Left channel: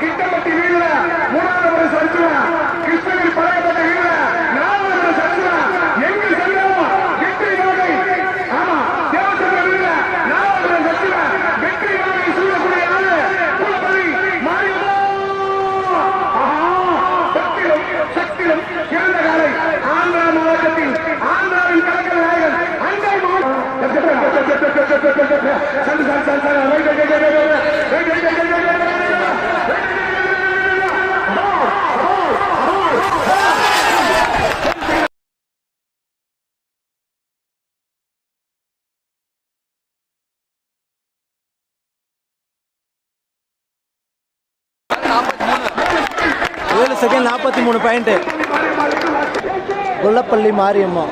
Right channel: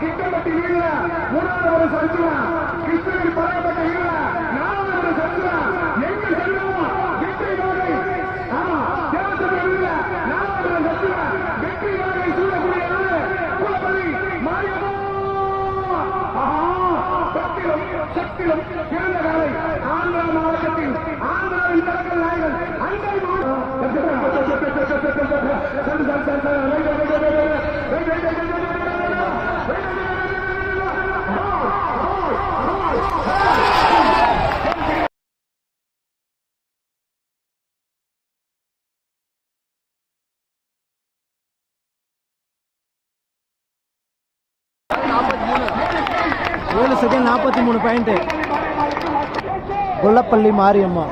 கிட்டப்பட்டி வீரர மூணாவது சர்ச்சா கிருஷ்ணகிரி பழையப்பட்ட வீரர நாலாவது சர்ச்சா எங்கு செல்லும் வெற்றி நாகை ஆமா தேவசந்திர வீரர நாலாவது சர்ச்சா வெற்றி நாகை சூழக்கூடிய ஆளு குலப்பள்ளி மாரியம்மா சக்திலும் சக்திலும் சிறந்த காலை ஆந்திரா மாவட்டத்தில் ஆந்திராவின் கலக்கல் நாயகன் அண்டை सेकंड 43 पॉइंट गोल्लपल्ली मारियम्मा